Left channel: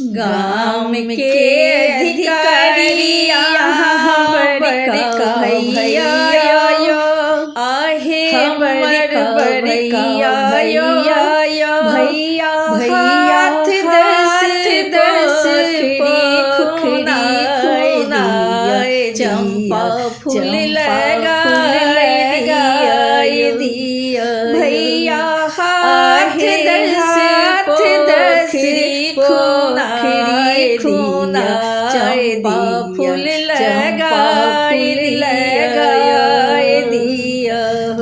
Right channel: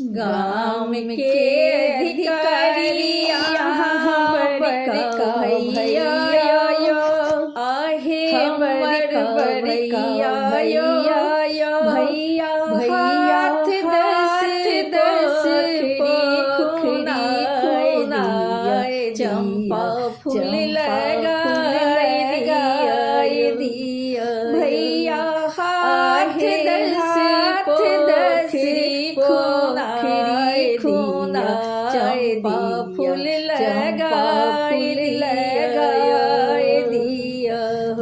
गाम के अधिकारी यहाँ बड़का भैया आहे बड़का भैया भैया हाथ दस खुनाए चंपा फूल लगाए दिया भैया हाथ दस खुनाए चंपा फूल लगाए दिया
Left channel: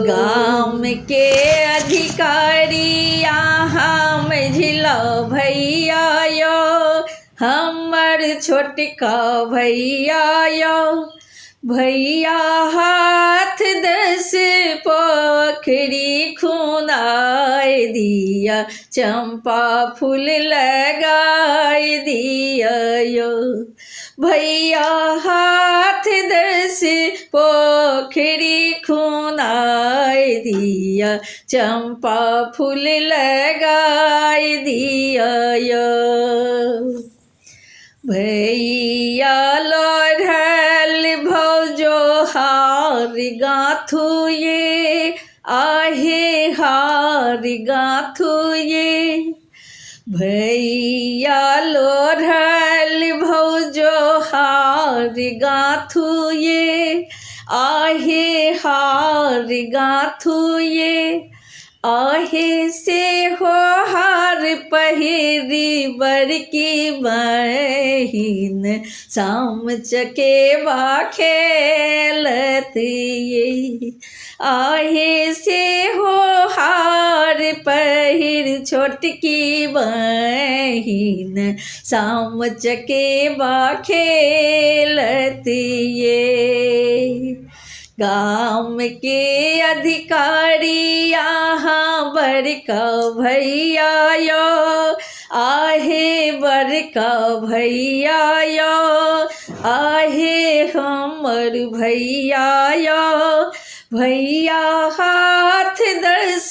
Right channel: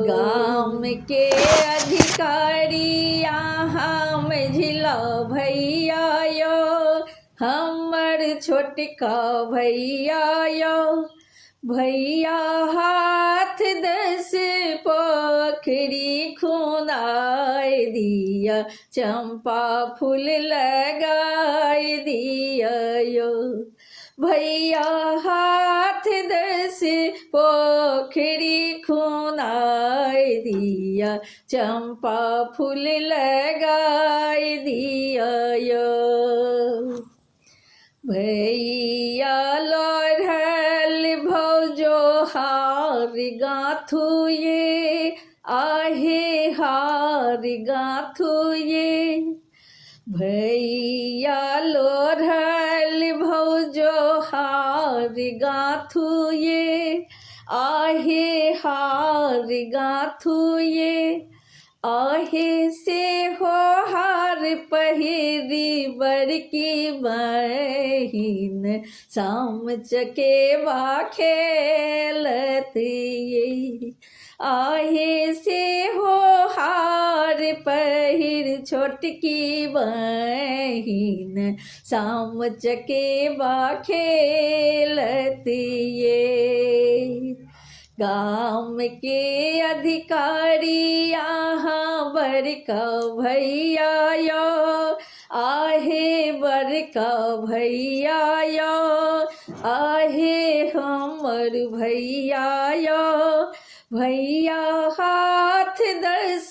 गाम के अधिकारी यहाँ मझिला भैया यो हमर छोटका भैया यो भैया हाथ दस पोखरी खुनाए दिया चंपा फूल लगाए दिया यो भैया हाथ दस पोखरी खुनाए दिया चंपा फूल लगाए दिया यो भैया लोढ़ल भौजो हार गाथू ये आहे हार गाथू ये भैया लोढ़ल भौजो हार गाथू ये आहे हार गाथू ये आहे से हो हार पहिरी बड़की बहिन शाम चकेवा खेलत ये आहे से हो हार पहिर छोटकी बहिन शाम चकेवा खेलत ये गाम के अधिकारी यहाँ बड़का भैया यो आहे बड़का भैया यो आहे हमर भैया यो भैया हाथ दस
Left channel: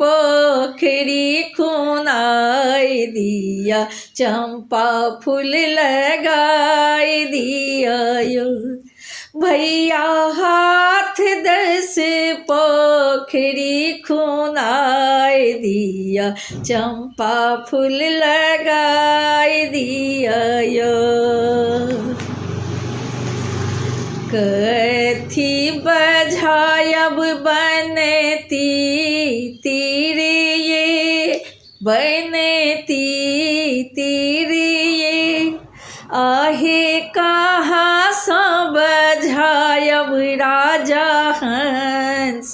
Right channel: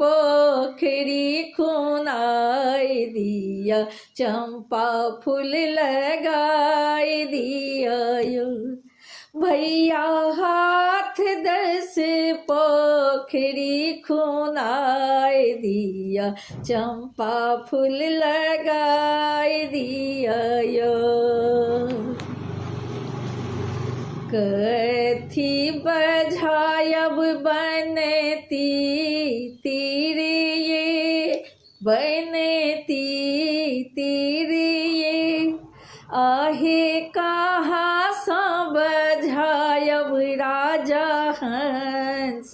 पोखरी खुनाए दिया चंपा फूल लगाए दिया यो भैया हाथ दस पोखरी खुनाए दिया चंपा फूल लगाए दिया यो कथी बझायब बनती तीर ये बनती तीर ये आहे कहाँ सब बझायब राजा हंस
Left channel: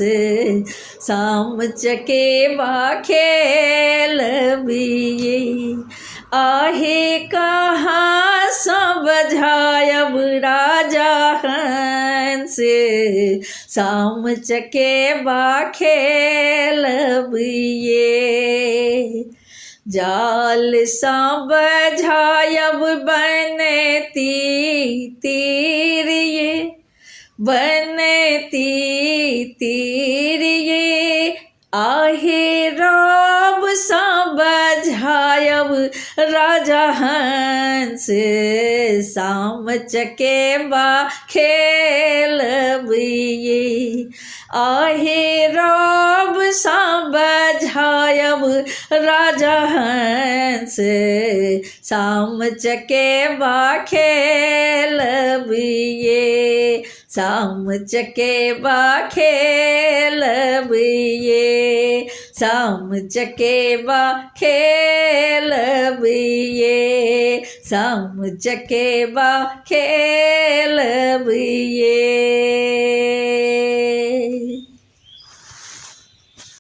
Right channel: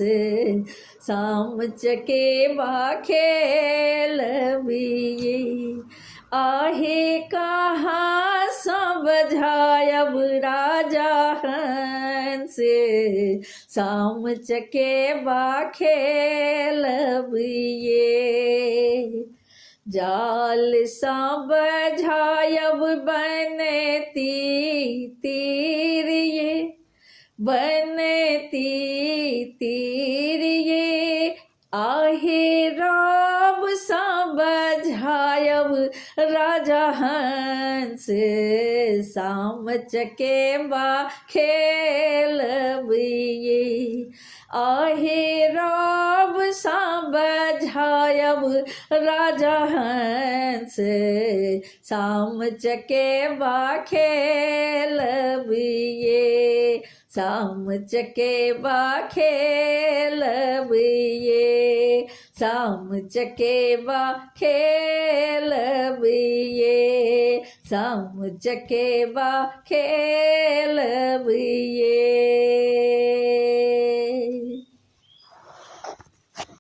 शाम चकेवा खेलबिये आहे कहाँ सब बझायब राजा हंस शाम चकेवा खेलबिये जाल सा बझायब बनती तीर ये बनती तीर ये आहे राम सा बझायब राजा हंस शाम चकेवा खेलबिये आहे राम सा बझायब राजा हंस शाम चकेवा खेलबिये शाम चकेवा खेलबिये शाम चकेवा खेलबिये शाम चकेवा खेलबिये।